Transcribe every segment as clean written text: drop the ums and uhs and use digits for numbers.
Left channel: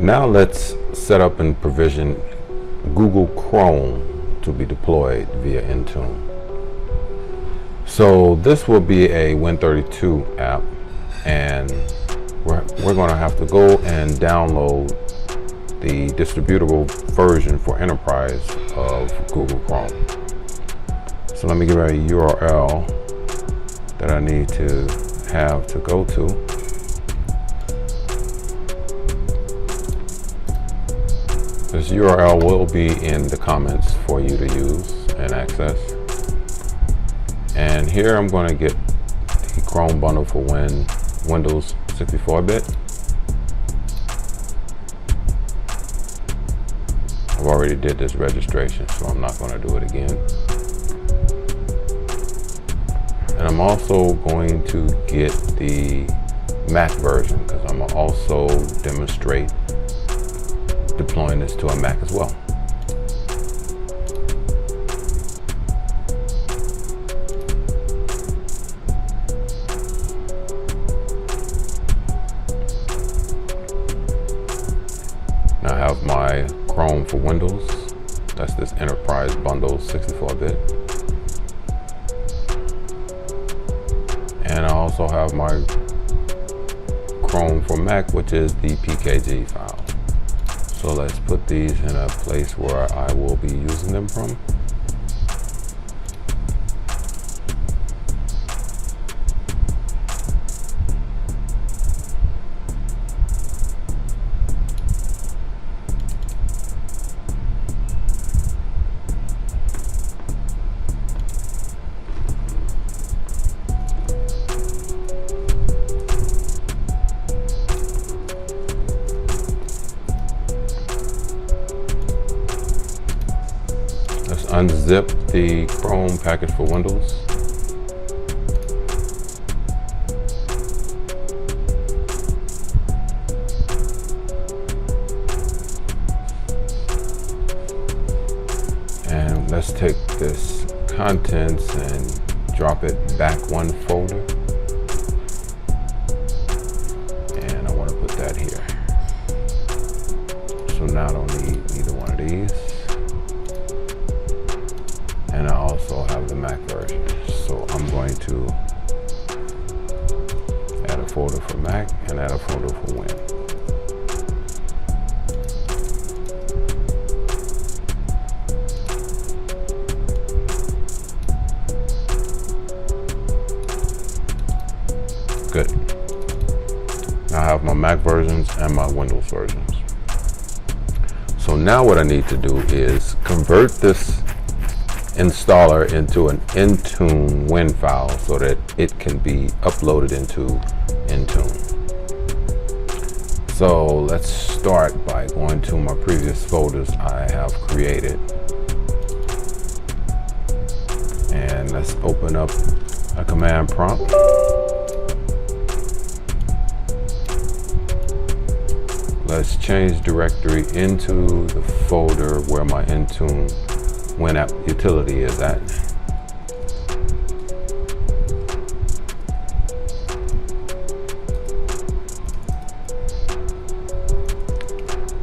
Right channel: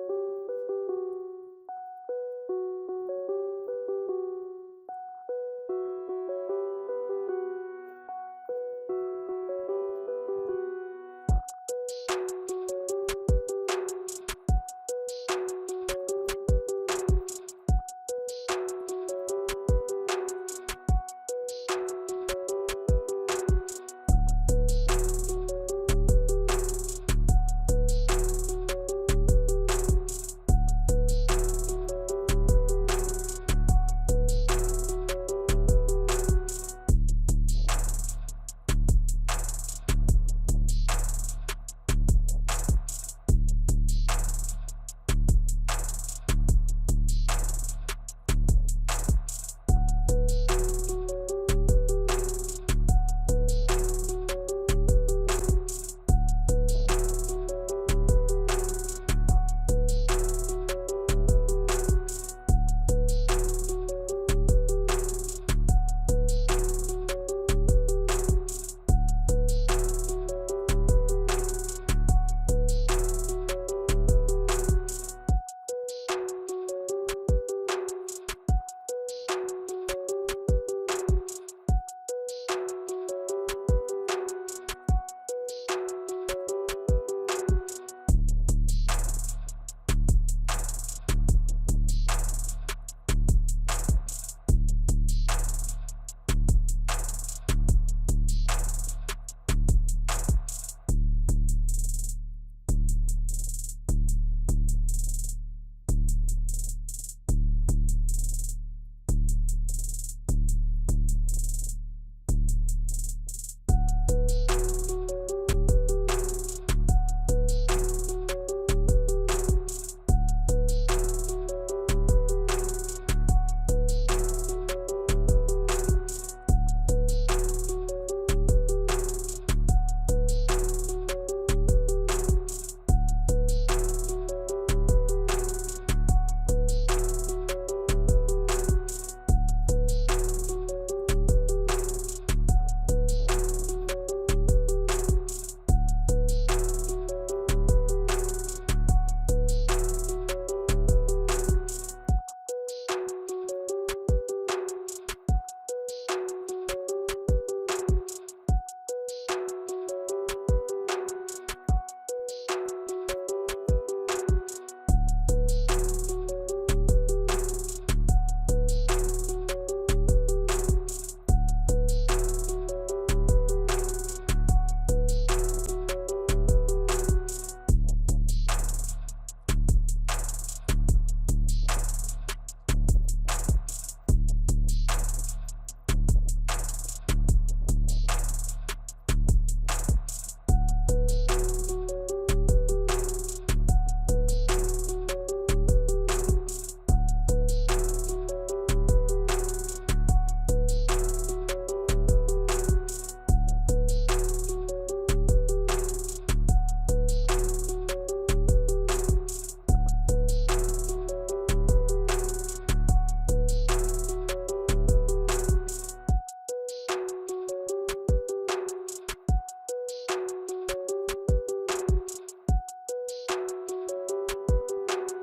Now let's set up and provision Google Chrome to be deployed via Intune. So this will be a Win32 app, and we're going to have to go and download the distributable version for enterprise of Google Chrome. So let me give a URL that I need to have to go to. This URL will be in the comments for you to use and access. And here I'm going to get the Chrome bundle for Windows 64-bit. I've already did this registration, so I'm not going to do it again. And I'm also going to get the Mac version, because I'm going to also demonstrate deploying this to a Mac as well. Now I have my Chrome for Windows. That's this enterprise bundle 64-bit. And I also have my Chrome for Mac, which is the PKG file. So let's put these in a place where I will be using them from. Unzip the Chrome package for Windows. And let's take this contents and drop it back one folder. And I want to put that here. So now I don't need either one of these. And I also have the Mac version. So I'm going to add a folder for Mac and add a folder for Win. Good. Now I have my Mac versions and my Windows versions. So now what I need to do is convert this installer into an IntuneWin file so that it can be uploaded into Intune. So let's start by going to my previous folders I have created. And let's open up a command prompt. Let's change directory into the folder where my IntuneWin app utility is at.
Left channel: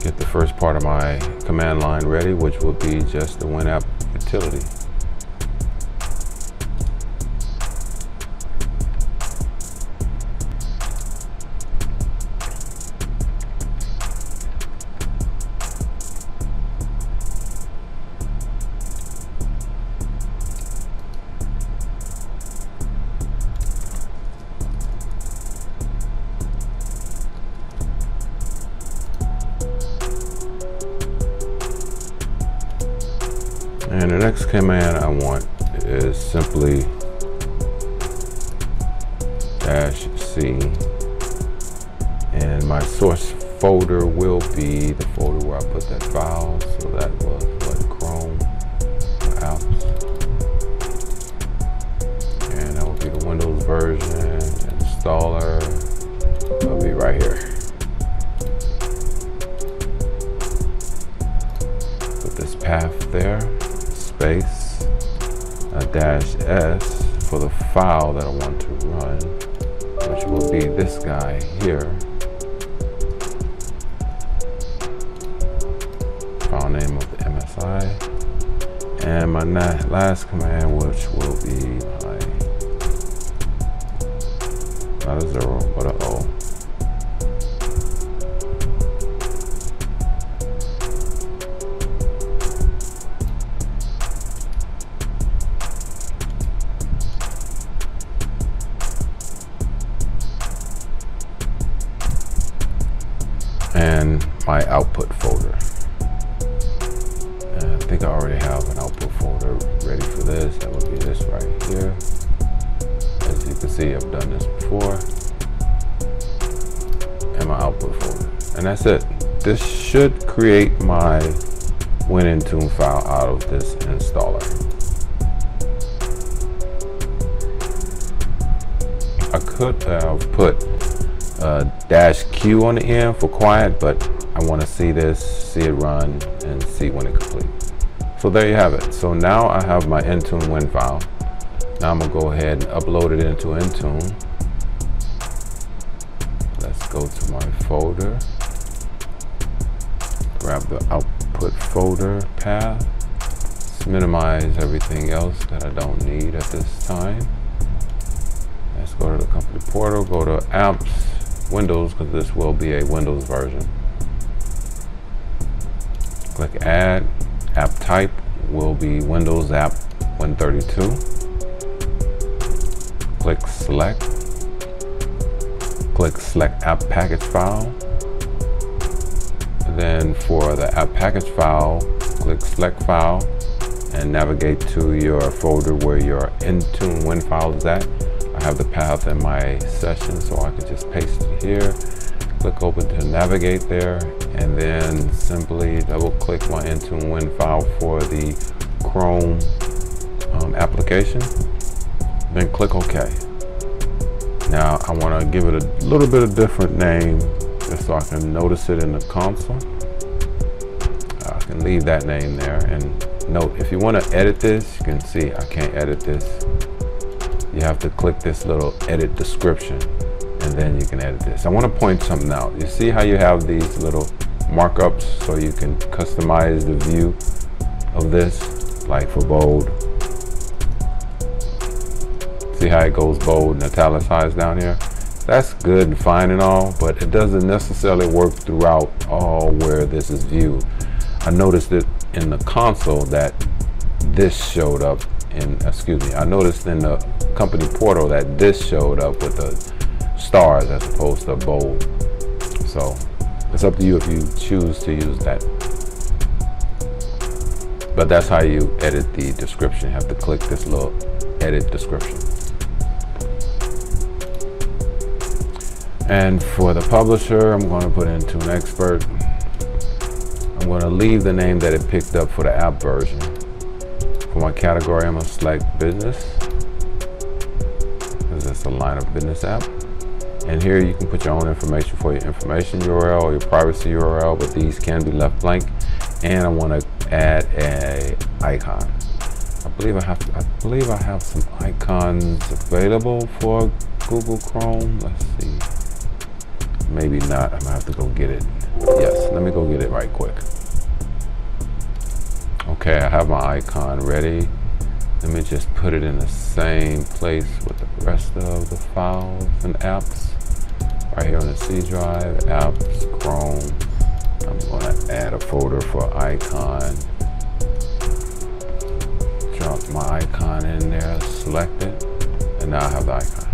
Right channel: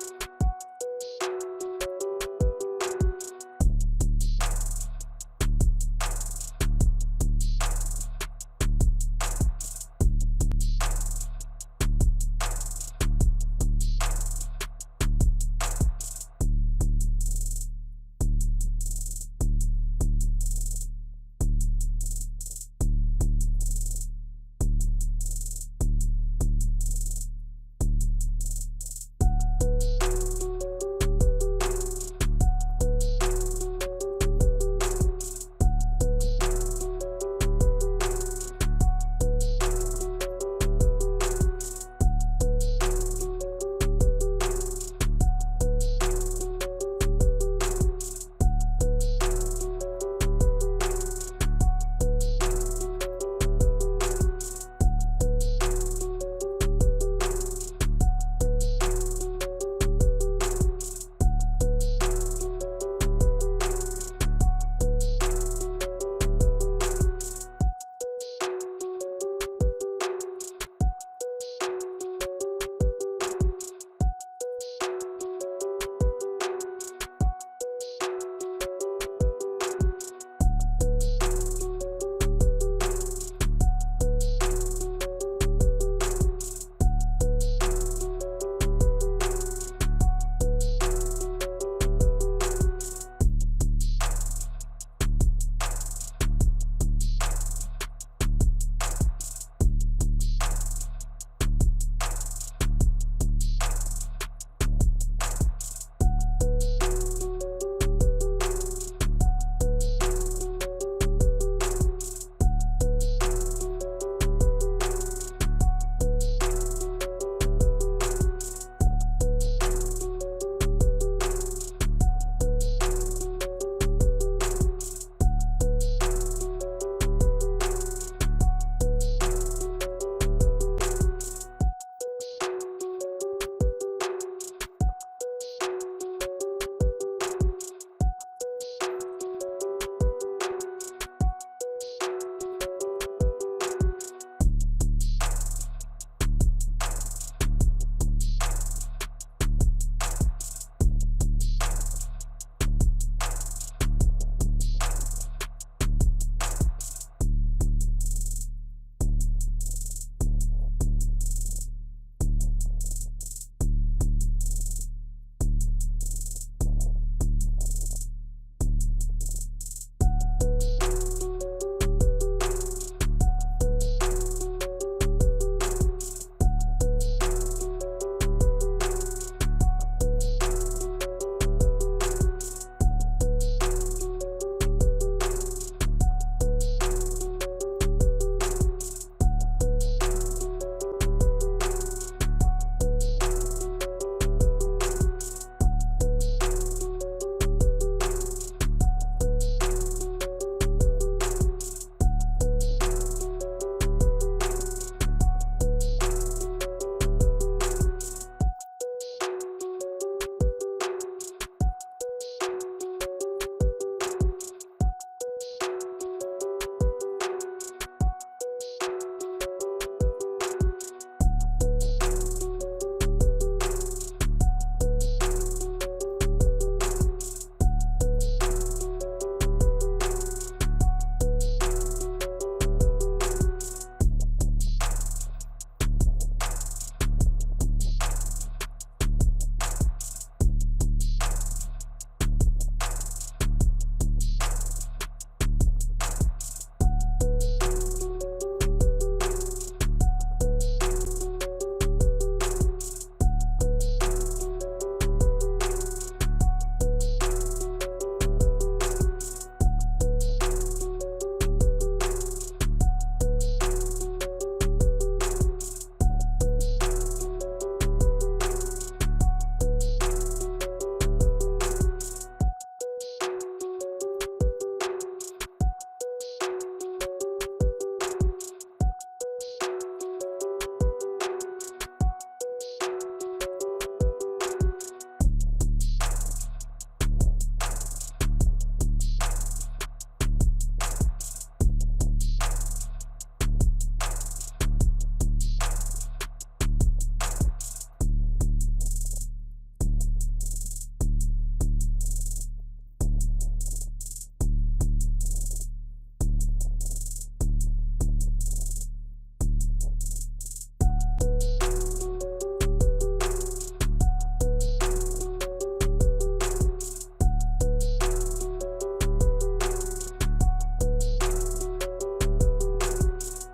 Get the first part of my command line ready, which will be just the Win app utility. And the next command I want is simply -C, and my source folder will be the folder where I put that file. So that was the Chrome apps, and that will be the Windows version installer. It'll be right here. Put this path there. Space a -S for the file that I want to run, which will be this guy here. my last command, which will be not a 0, but an O. And my output folder. And I think I already have an output folder ready for this. That would be this right here. As you can see, I've done this before. And my output folder. And that's it. This should create my Win32 file out of this installer. I could have put -Q on the end for quiet, but I want to see this, see it run, and see when it completes. So there you have it. So now I have my IntuneWin file. Now I'm gonna go ahead and upload it into Intune. Let's go to my folder, grab the output folder path, let's minimize everything else that I don't need at this time. Let's go to the company portal, go to apps, Windows, because this will be a Windows version. Click add, app type will be Windows app Win32. Click select app package file. Then for the app package file, click select file and navigate to your folder where your IntuneWin file is at. I have the path in my session, so I can just paste it here. Click open to navigate there, and then simply double click my IntuneWin file for the Chrome application. Then click OK. Now I want to give it a little bit of different name just so I can notice it in the console. I can leave that name there, and note if you want to edit this, you can see I can't edit this. You have to click this little edit description, and then you can edit this. I want to point something out. You see how you have these little markups so you can customize the view of this, like for bold. See how it goes bold and italicized down here? That's good and fine and all, but it doesn't necessarily work throughout all where this is viewed. I noticed it in the console that this showed up I noticed in the company portal that this showed up with the stars as opposed to bold. So it's up to you if you choose to use that. But that's how you edit the description. You have to click this little edit description. And for the publisher, I'm going to put Intune Expert. I'm going to leave the name that it picked up for the app version. For my category, I'm going to select business. This is a line of business app. And here you can put your own information for your information URL or your privacy URL, but these can be left blank. And I want to add a icon. I believe I have some icons available for Google Chrome. Let's see. Maybe not. I'm gonna have to go get it. Yes, let me go get it right quick. Okay, I have my icon ready. Let me just put it in the same place with the rest of the files and apps. Right here on the C drive, apps, Chrome. I'm gonna add a folder for icon. Drop my icon in there, select it, and now I have the icon.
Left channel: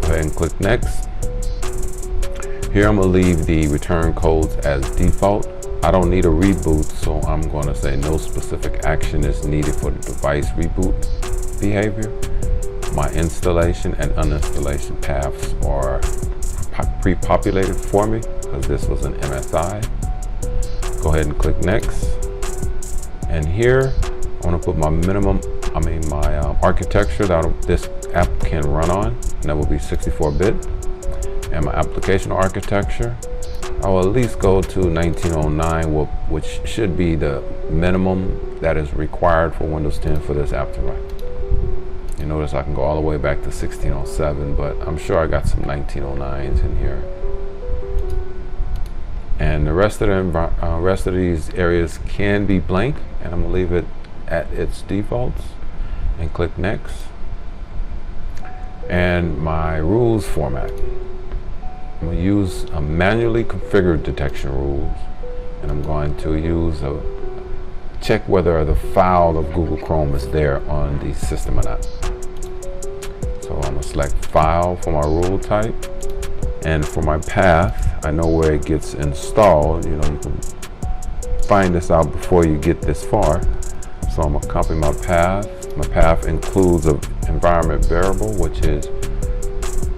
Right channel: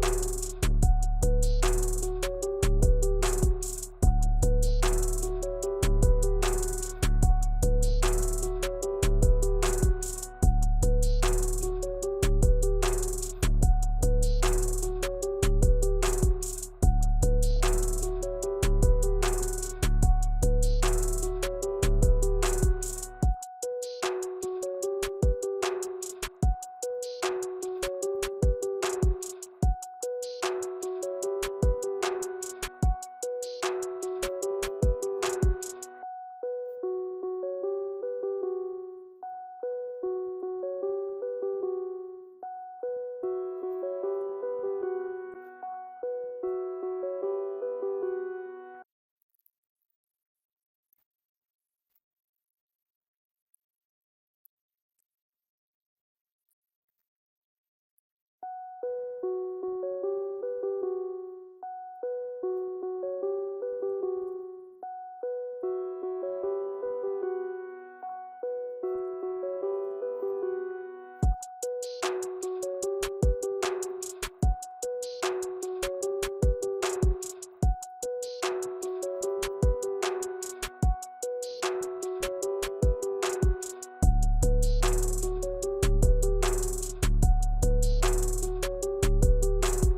Go ahead and click next. Here I'm gonna leave the return codes as default. I don't need a reboot, so I'm gonna say no specific action is needed for the device reboot behavior. My installation and uninstallation paths are pre-populated for me because this was an MSI. Go ahead and click next. And here I want to put my my architecture that this app can run on, and that will be 64-bit. And my application architecture, I will at least go to 1909, which should be the minimum that is required for Windows 10 for this app to run. You notice I can go all the way back to 1607, but I'm sure I got some 1909s in here. And the rest of these areas can be blank, and I'm gonna leave it at its defaults and click next. And my rules format, I'm going to use a manually configured detection rules, and I'm going to use a check whether the file of Google Chrome is there on the system or not. So I'm going to select file for my rule type, and for my path, I know where it gets installed. You know, you can find this out before you get this far. So I'm going to copy my path. My path includes an environment variable, which is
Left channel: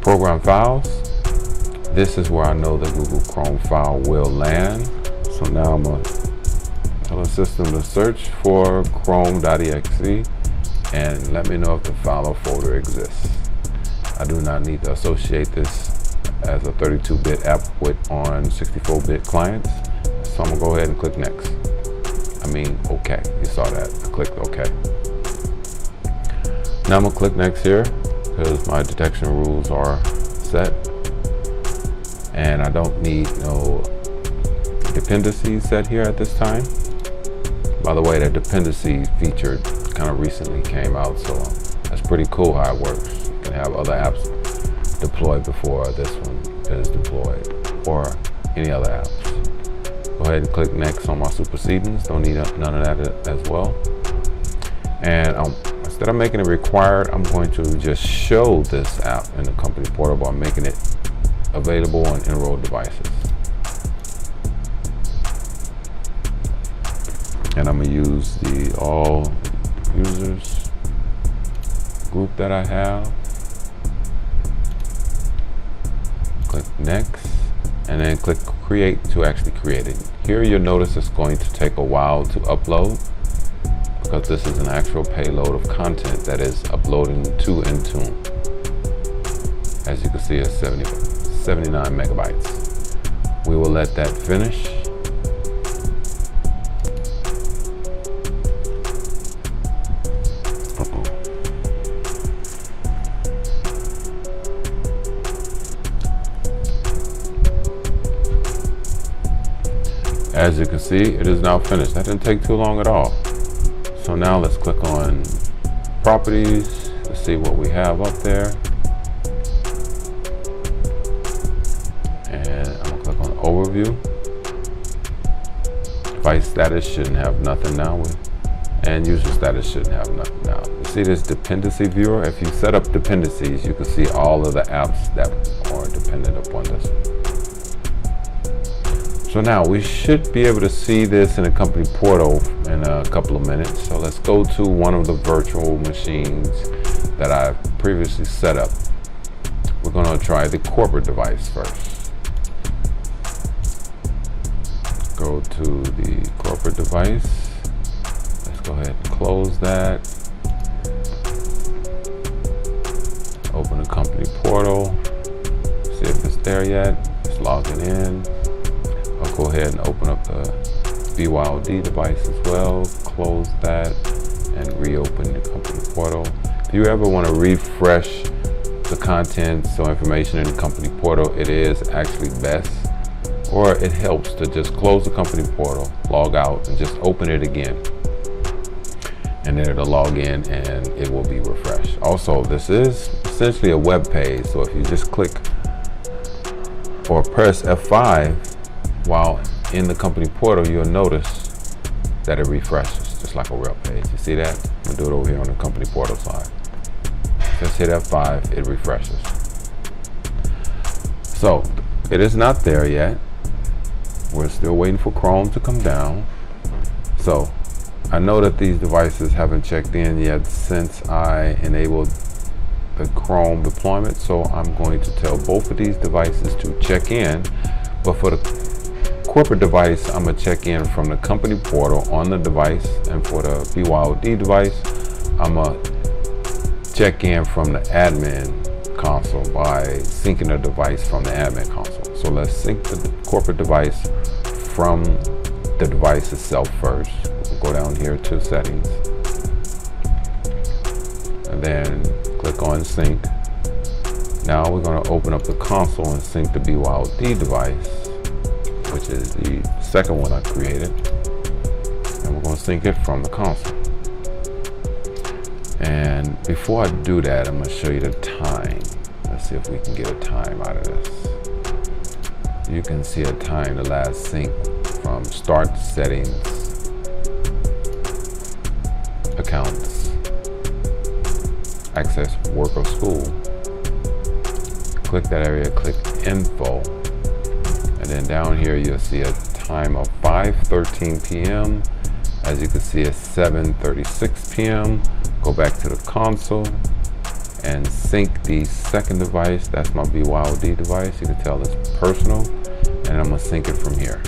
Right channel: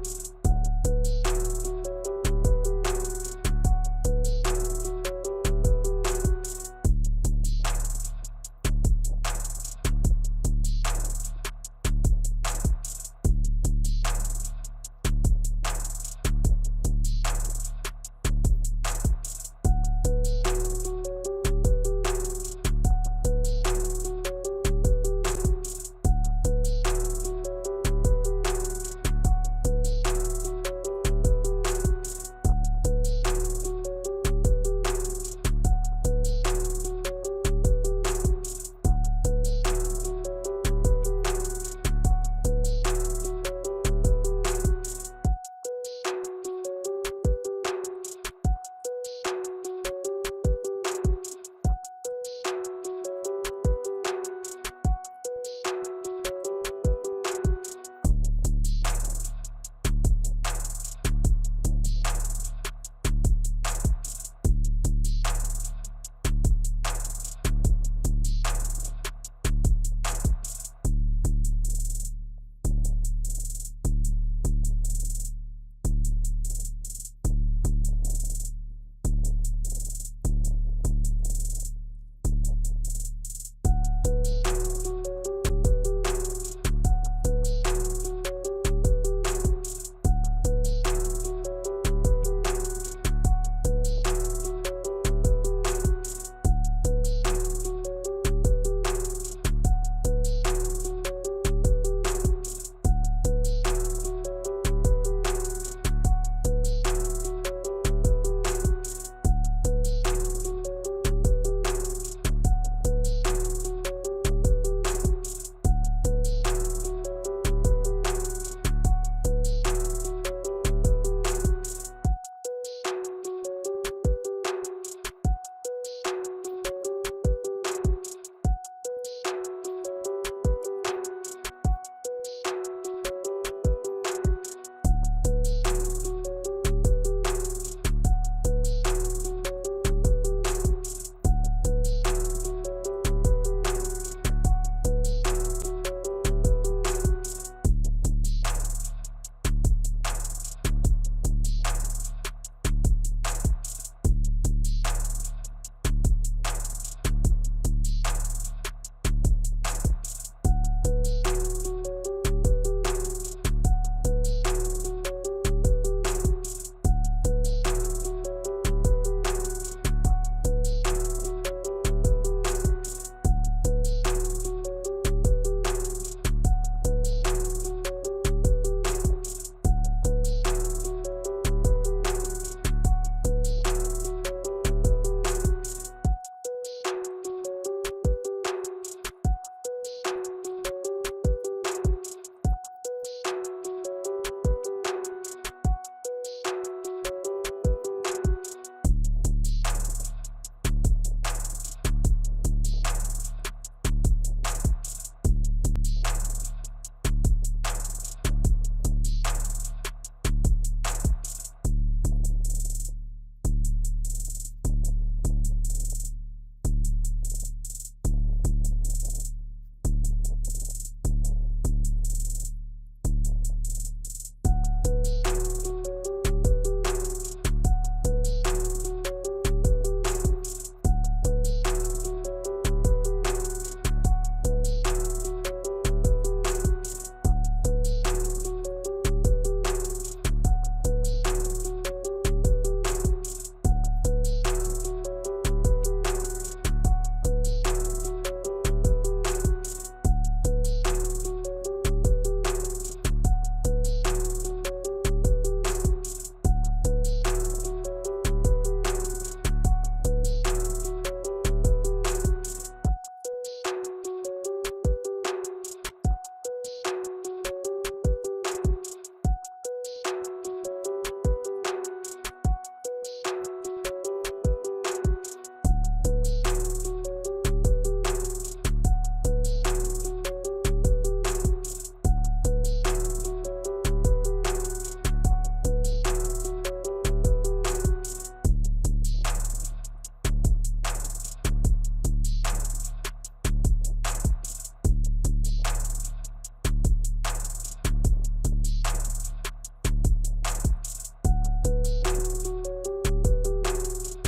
program files. This is where I know the Google Chrome file will land. So now I'm going to tell the system to search for Chrome.exe and let me know if the file or folder exists. I do not need to associate this as a 32-bit app on 64-bit clients. So I'm going to go ahead and click next. OK. You saw that. I clicked OK. Now I'm going to click next here because my detection rules are set. And I don't need no dependencies set here at this time. By the way, that dependency feature kind of recently came out, so that's pretty cool how it works. You can have other apps deployed before this one is deployed, or any other apps. Go ahead and click next on my supersedings. Don't need none of that as well. And instead of making it required, I'm going to just show this app in the company portal by making it available on enrolled devices. And I'm going to use the all users group that I have. Click next, and then click create to actually create it. Here you'll notice it's going to take a while to upload because this is an actual payload of content that is uploading to Intune. As you can see, it's 79 megabytes. We will let that finish. As you can see, it is now finished. That didn't take too long at all. So now let's click on properties to see what we have up there. And I'm gonna click on overview. Device status shouldn't have nothing now. And user status shouldn't have nothing now. You see this dependency viewer? If you set up dependencies, you can see all of the apps that are dependent upon this. So now we should be able to see this in the company portal in a couple of minutes. So let's go to one of the virtual machines that I previously set up. We're going to try the corporate device first. Go to the corporate device. Let's go ahead and close that. Open the company portal. See if it's there yet. It's logging in. Go ahead and open up the BYOD device as well, close that, and reopen the company portal. If you ever want to refresh the contents or information in the company portal, it is actually best, or it helps to just close the company portal, log out, and just open it again. And then it'll log in and it will be refreshed. Also, this is essentially a web page, so if you just click or press F5, while in the company portal, you'll notice that it refreshes just like a real page. You see that? I'm gonna do it over here on the company portal side. Just hit F5, it refreshes. So it is not there yet. We're still waiting for Chrome to come down. So I know that these devices haven't checked in yet since I enabled the Chrome deployment. So I'm going to tell both of these devices to check in. But for the corporate device, I'm going to check in from the company portal on the device, and for the BYOD device, I'm going to check in from the admin console by syncing the device from the admin console. So let's sync the corporate device from the device itself first. We'll go down here to settings, and then click on sync. Now we're going to open up the console and sync the BYOD device, which which is the second one I created. And we're going to sync it from the console. And before I do that, I'm going to show you the time. Let's see if we can get a time out of this. You can see a time, the last sync from start settings, accounts, access work or school. Click that area, click info, and then down here you'll see a time of 5:13 p.m. As you can see, it's 7:36 p.m. Go back to the console and sync the second device. That's my BYOD device. You can tell it's personal, and I'm gonna sync it from here.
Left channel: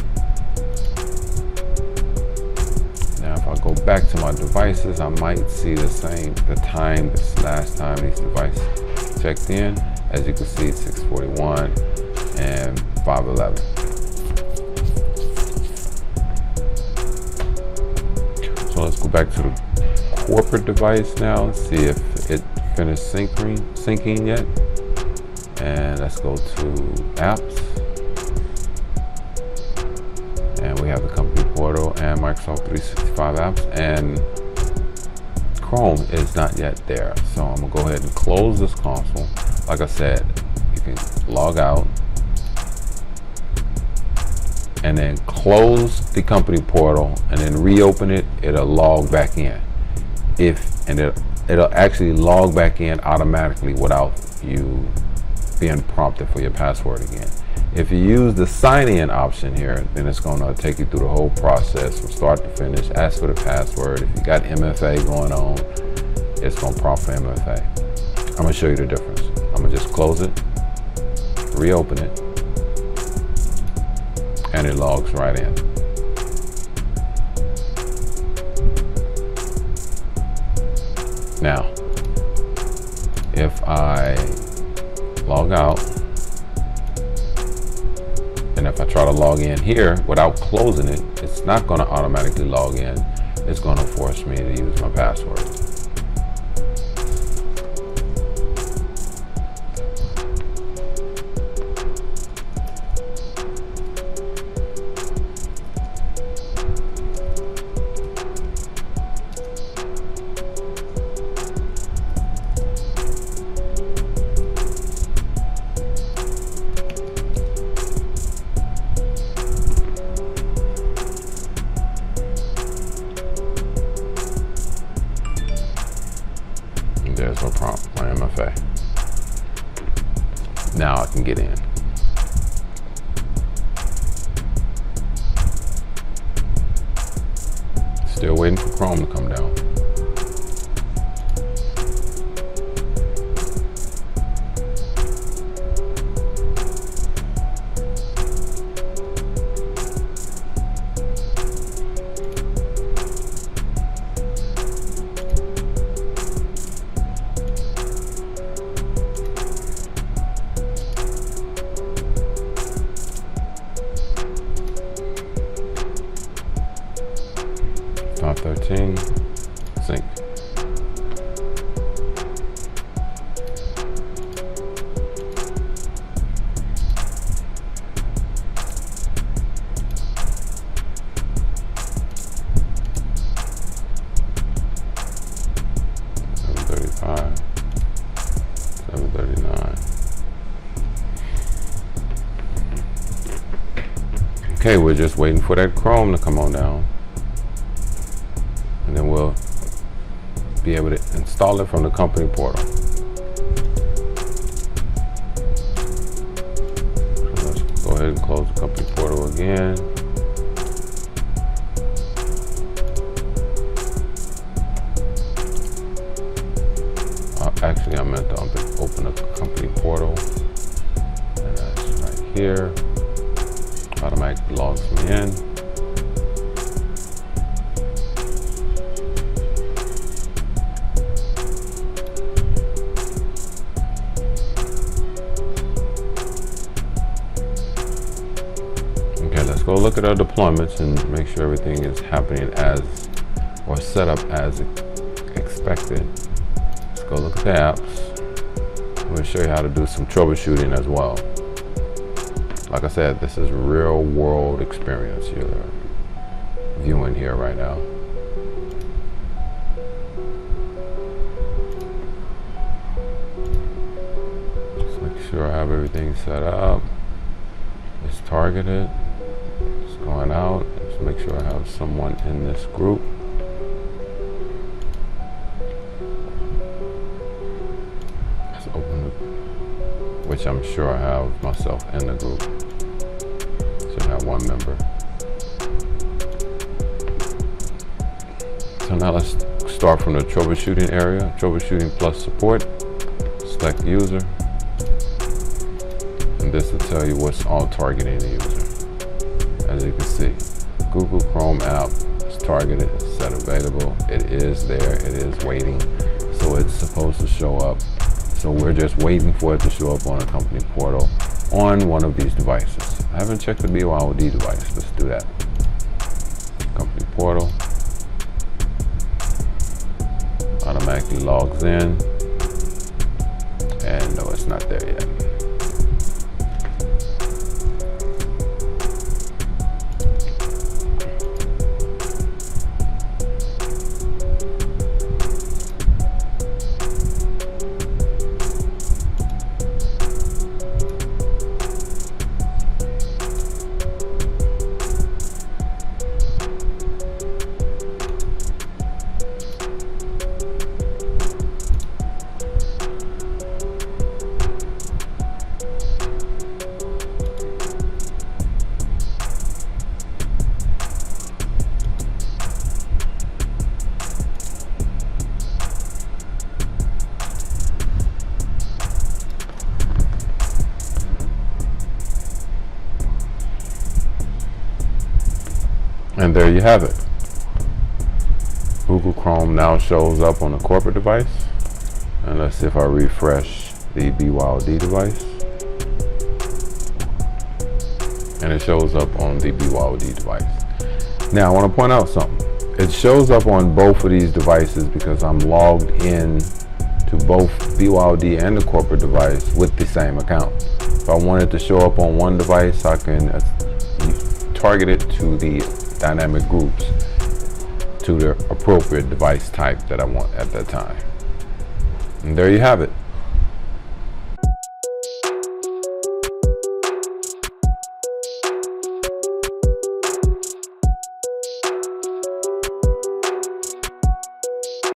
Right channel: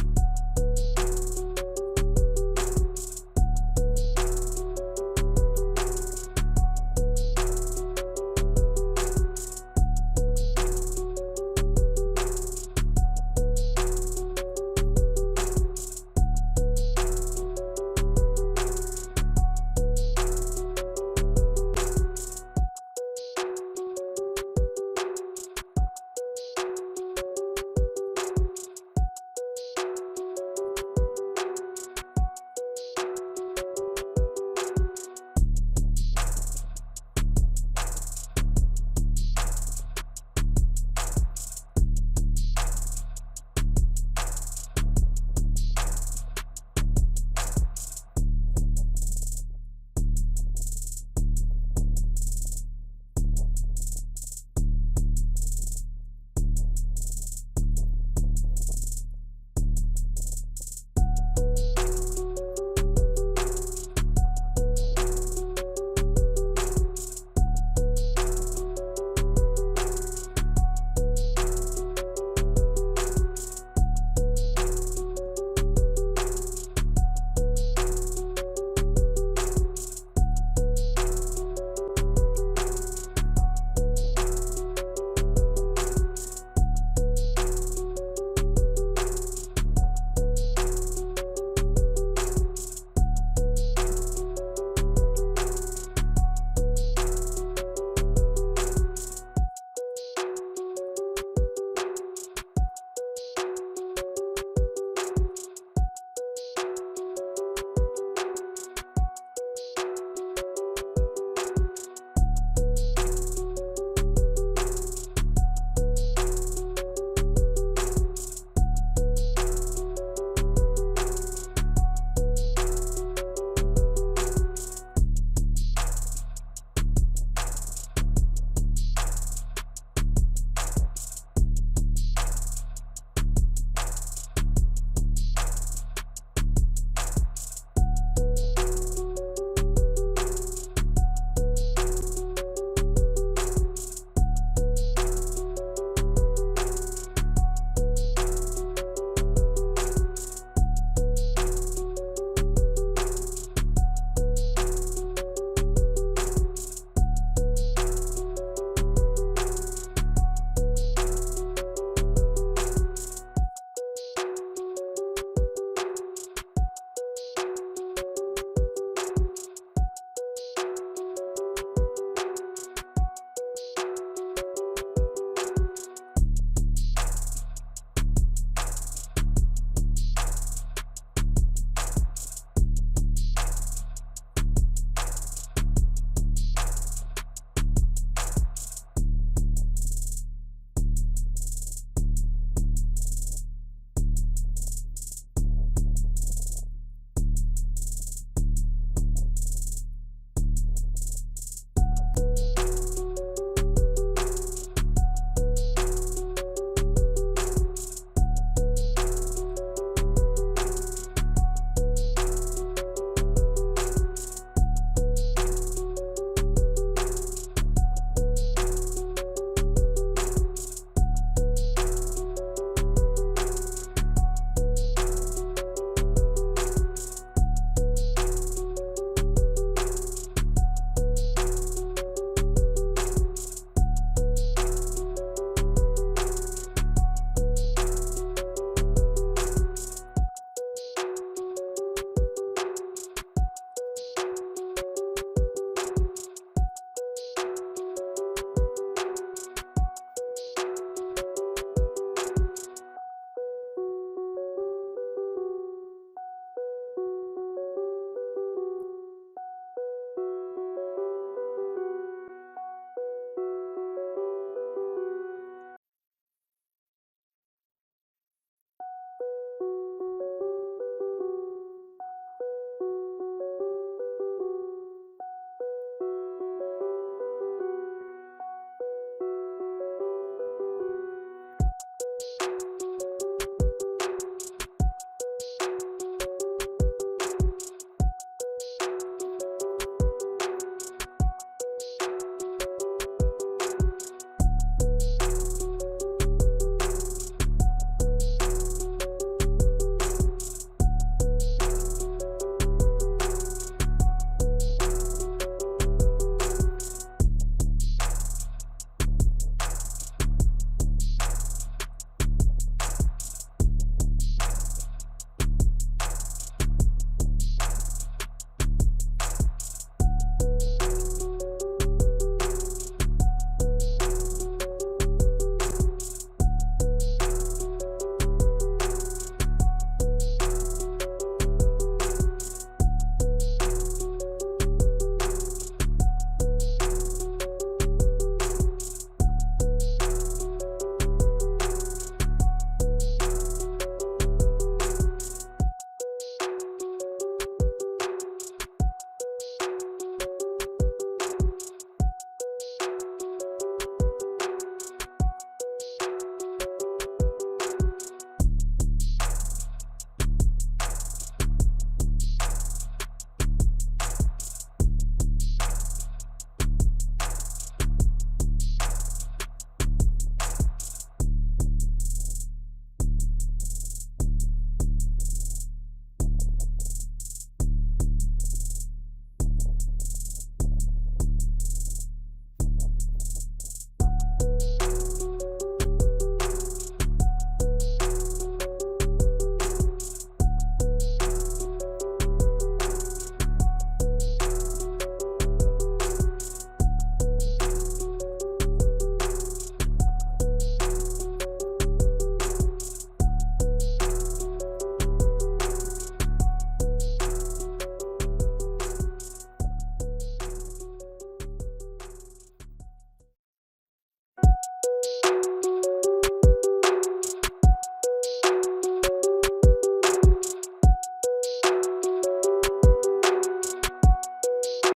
Now, if I go back to my devices, I might see the time, this last time these devices checked in. As you can see, 6:41 and 5:11. So let's go back to the corporate device now and see if it finished syncing yet. And let's go to apps. And we have the company portal and Microsoft 365 apps, and Chrome is not yet there. So I'm gonna go ahead and close this console. Like I said, you can log out and then close the company portal and then reopen it. It'll log back in. It'll actually log back in automatically without you being prompted for your password again. If you use the sign in option here, then it's going to take you through the whole process from start to finish. Ask for the password. If you got MFA going on, it's going to prompt for MFA. I'm going to show you the difference. I'm going to just close it, reopen it, and it logs right in. Now, if I log out, and if I try to log in here without closing it, it's not going to automatically log in. It's going to force me to use my password. There's no prompt for MFA. Now I can get in. Still waiting for Chrome to come down. Top 13, sync. Okay, we're just waiting for that Chrome to come on down, and then we'll be able to install it from the company portal. Let's go ahead and close the company portal again. Actually, I meant to open the company portal, and that's right here. Automatically logs me in. Okay, let's go look at our deployments and make sure everything is happening as, or set up as expected. Let's go look at the apps. I'm going to show you how to do some troubleshooting as well. Like I said, this is real world experience you're viewing here right now. Just make sure I have everything set up. It's targeted. It's going out. Just make sure I have someone in this group. Let's open it, which I'm sure I have myself in the group. Should have one member. So now let's start from the troubleshooting area. Troubleshooting plus support. Select user. And this will tell you what's all targeting the user. As you can see, Google Chrome app is targeted, set available. It is there, it is waiting. So it's supposed to show up. So we're just waiting for it to show up on a company portal on one of these devices. I haven't checked the BYOD device. Let's do that. Company portal. Automatically logs in. And no, it's not there yet. And there you have it. Google Chrome now shows up on a corporate device. And let's see if I refresh the BYOD device. And it shows up on the BYOD device. Now I want to point out something. It shows up on both of these devices because I'm logged in to both BYOD and the corporate device with the same account. If I want it to show up on one device, I can target it to the dynamic groups to the appropriate device type that I want at that time. And there you have it.